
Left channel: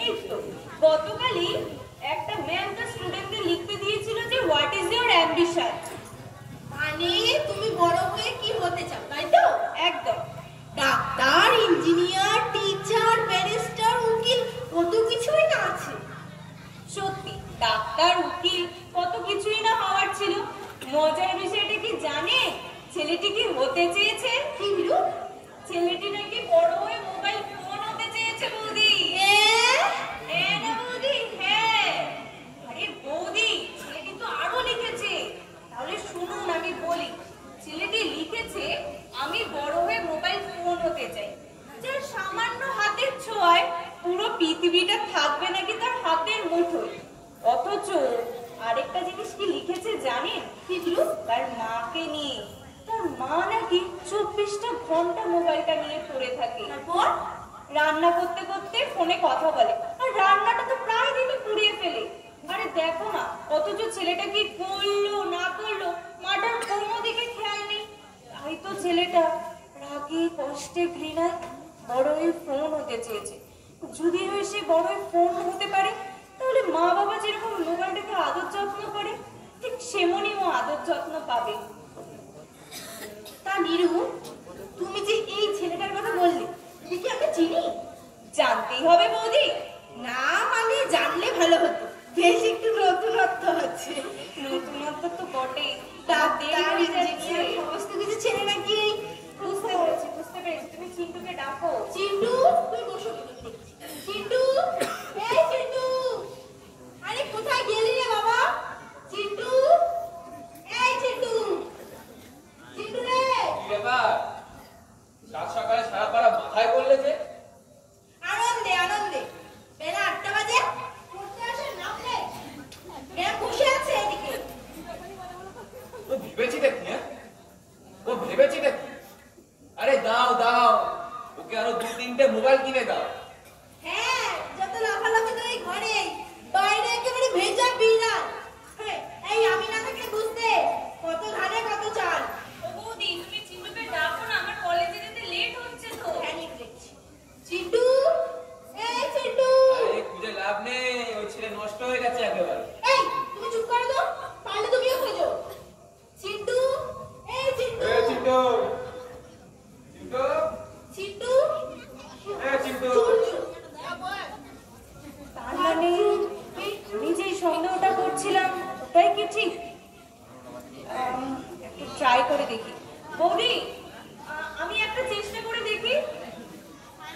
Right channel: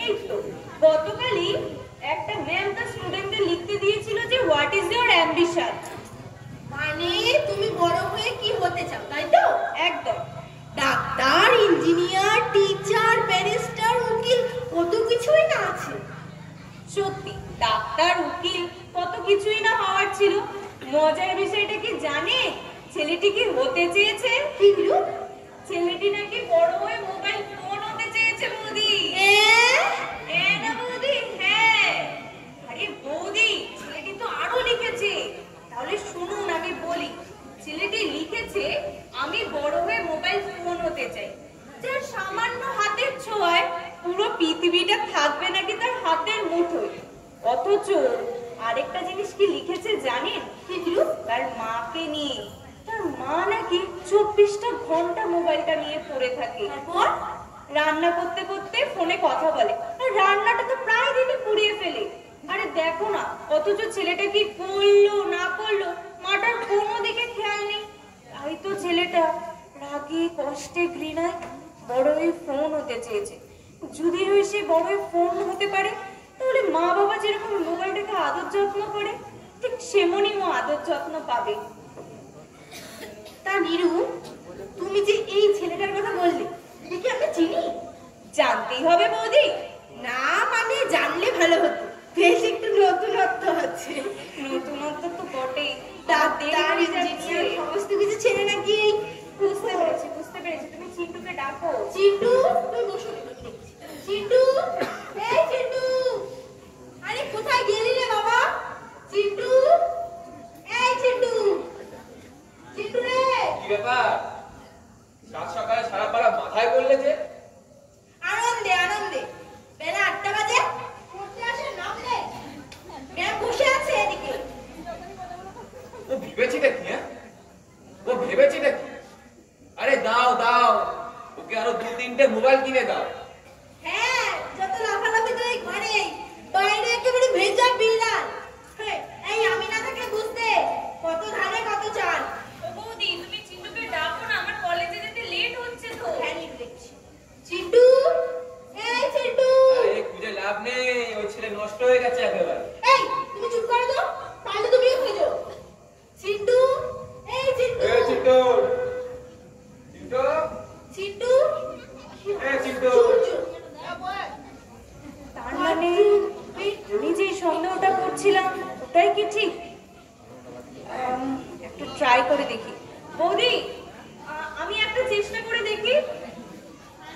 এই তো গতকালই একটা ম্যাম তার স্টুডেন্টদের লিখতে দিয়েছিল যে হোয়াট ইজ ইওর অ্যাম্বিশন। মানে তুমি বড় হয়ে কি হতে চাও, তাই তো? একদম। ডাক্তার, ইঞ্জিনিয়ার, টিচার, ব্যারিস্টার, উকিল, কত কিছুই না আছে। সত্যি ডাক্তার, উকিল, কত কিছুই না হওয়ার ছিল। মজার বিষয়টা কি জানে? ছেলেটি কি হতে চেয়েছে? কিন্তু ছেলেটি নাকি বড় হয়ে মোবাইল ফোন হতে চেয়েছে বৌদি। হ্যাঁ না বৌদি, হ্যাঁ। আরে বৌদি, ছেলেটি তো আরো লিখেছে। তাহলে শুনুন আমি বলি। ছেলেটি লিখেছে, আমি বড় হয়ে মোবাইল ফোন হতে চাই, যার সামান্য হাতের ছোঁয়ায় পুরো পৃথিবীটা থাকবে নাকি তার হাতের মুঠোয়। অথচ আরেকটা জিনিস কি লিখেছে জানেন? তার মাকে নিয়ে। তার মা নাকি 24টা ঘন্টা মোবাইলটা নিয়ে পড়ে থাকে। তারপর রান্না করতে করতে ফোনে কথা বলে, আর রান্নাটা তো প্রায় দিনই পুড়িয়ে ফেলে। আরে দেখো না, অথচ ছেলেটা কি করলো না করলো মাটার কোনো দিকে খেয়াল নেই। তাই তো ছেলেটা রাগে কষ্টে ঘৃণায় বড়ই ফোন হতে চেয়েছে। যদি হয় সে বড়ই ফোন হতে পারে, তাহলে মা বাবা যেরকম মোবাইলটাকে আদর যত্ন করে, ঠিক সেমনই ও আদর যত্ন পাবে। তা নিরু, তুমি যে এই ছেলেটার কথা বললে, একে আমরা চিনি? জানতেই হবে বৌদি। না মানে জানলে ভালো হতো, বেশ একটু নতুনত্ব আছে। নতুনত্ব তো বটেই। ডাক্তার, ইঞ্জিনিয়ার, সমস্ত কিছু ছেড়ে নাকি এই বুঝতে পেরেছি, বুঝতে পেরেছি। তুমি চিন্টুকে ডাকো। চিন্টু, তুই বসো। চিন্টু, এই চিন্টু, আরে কোথায় গেলি রে বাবা? চিন্টু, এই চিন্টু, চিন্টু রে। কি ব্যাপার? সাত সকালে সারা পাড়া মাথায় করলে যে? আনন্দে আনন্দে বেলা 8টা বাজে পড়তে আসে নামলে ম্যাম বসে আছে এদিকে। ও ভেবেছিটা কি? হ্যাঁ, ও ভেবেছিটা কি? আরে দাও দাও, ওকে আরো 2-3টে মোবাইল কিনে দাও। হ্যাঁ, যত লাফালাফি তো এই ঘরে, বাইরে একেবারে ভেজা বিড়াল। এই আমি না থাকলে বুঝতে কত ধানে কত চাল। ও বৌদি, তুমি চিন্টুকে ডাকো না, আমার কলেজে যেতে লেট হচ্ছে তো। চিন্টু, এই চিন্টু, আরে খুঁজে লাভ নেই, ওই ছেলে নষ্ট হয়ে গেছে একেবারে। এই তুমি চুপ করো তো, তাহলে তুমিও খুঁজো। চিন্টু, এই চিন্টু, এই চিন্টু, চিন্টু, চিন্টু, এই চিন্টু। তার মানে আমি যে সন্দেহটা করছিলাম ওটাই কি ঠিক? একটু ট্রাই করে দেখি। বৌদি, আমি একটা চেষ্টা করে দেখি।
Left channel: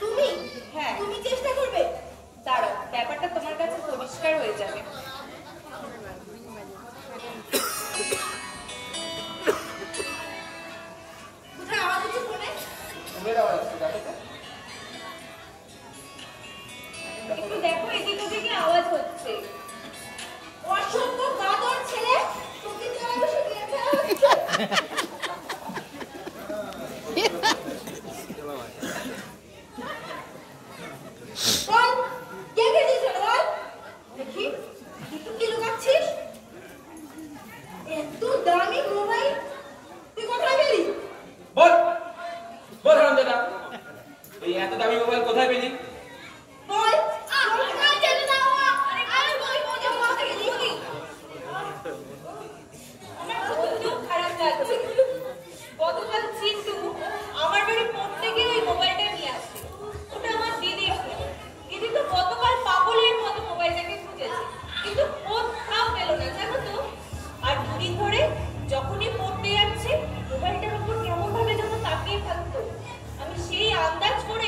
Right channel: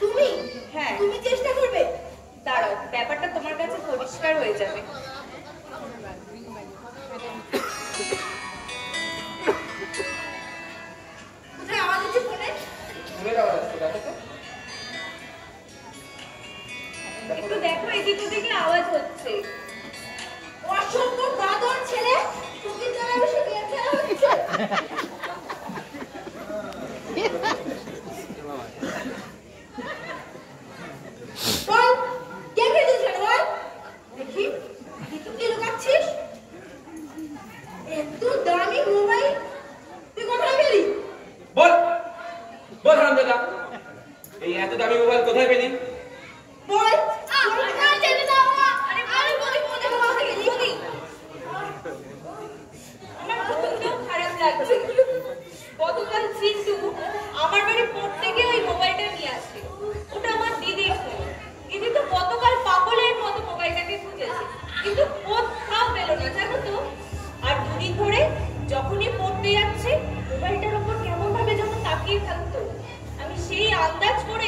তুমি? হ্যাঁ। তুমি চেষ্টা করবে? দাঁড়াও, ব্যাপারটা তোমার কাছে পরিষ্কার হয়ে যাবে। কোথায় আওয়াজ হচ্ছে ফোনে? ফোনের আওয়াজ আসছে, দেখো তো। একটু দেখো, এদিক ওদিকে আওয়াজ হচ্ছে। অসভ্য বাদর ছেলে, তুমি তো আমি শুধু খেলা হচ্ছে। বল, কে খেয়েছিস বল? দেখি, তুই কি লুকাচ্ছিস? এত দামি মোবাইল তুই কোথায় পেলি? বল, বল হারামজাদা, এই এত দামি মোবাইল কোথায় পেলি? বল, কোথায় ছেড়ে দাও? আরে আমি বলি কোথায় কোথায় গেলি? আমার বলতেও খারাপ লাগছে। গতকাল চিন্টু আমার বাড়ি পড়তে গিয়ে ওই মোবাইলটা নিয়ে আসে। ওটা আমার দিদির ফোন। দিদি তো গতকাল পাগলের মতো মোবাইল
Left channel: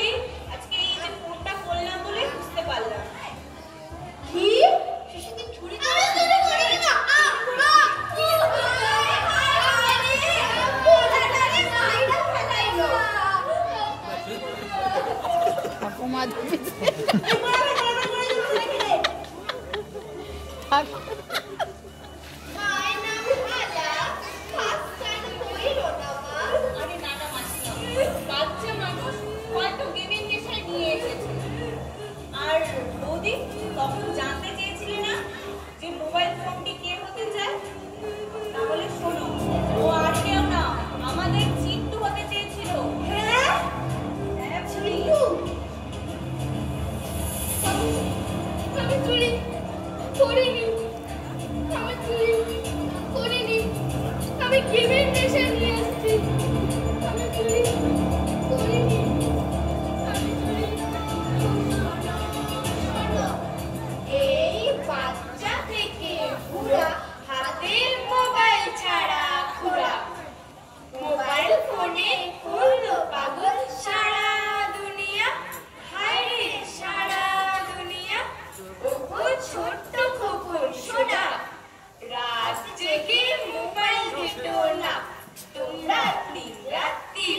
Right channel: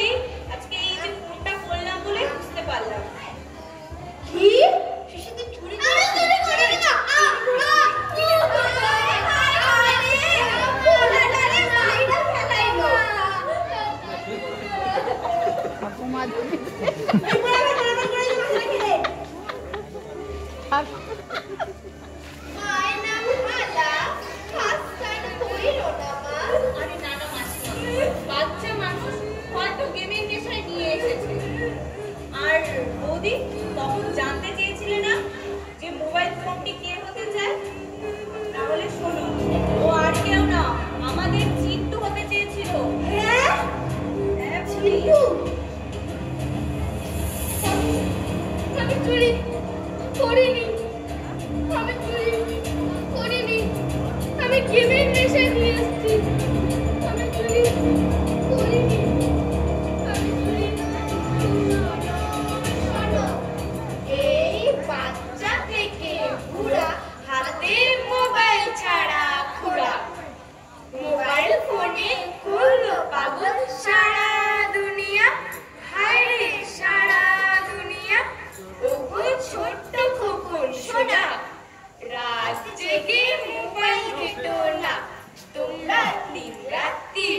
বলি আজকে এই যে ফোনটা করলাম বলে বুঝতে পারলাম। কি শিশু তুই চুরি করে না আরে না না মাসি না, বাচ্চা মানুষ হয়তো গেমিং নেশায় নিয়ে এসেছে। আর বৌদি তখন জানতে চেয়েছিলে না যে মোবাইল ফোনটি কে হতে চায়? তাহলে শোনো, ও আর কেউ না, আমাদের চিন্টু হতে চেয়েছিল। হ্যাঁ চিন্টু। আমি চুরি করিনি, আমি চুরি করিনি, আমি গেমের নেশায় নিয়ে এসেছি। আমি চুরি করিনি, আমি চুরি এই বাচ্চা থেকে বুড়া হাতে মোবাইল ছাড়া খোলা মোবাইল ফোনে করলো পাগল সারা দুনিয়া হায় রে সারা দুনিয়া ওগো ছোট্ট খোকন সোনা রাত জেগে মোবাইল ঘেটো না তোমরা দিন রাত্রি